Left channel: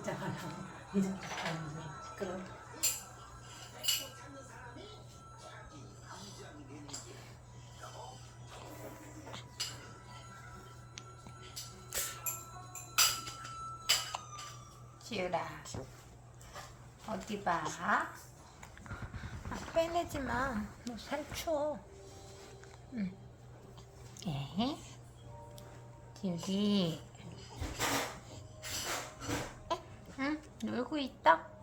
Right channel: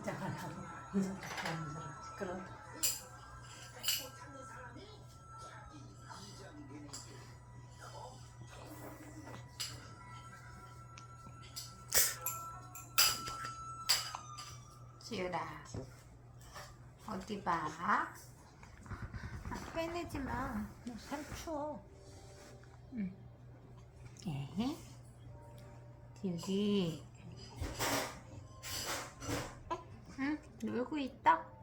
이제 하려고 이제 하면서 시끄러워. 지우라 어디 봐? 빼내지 마. 살 추워. 응. 에? 지우리. 응? 놀고 있다?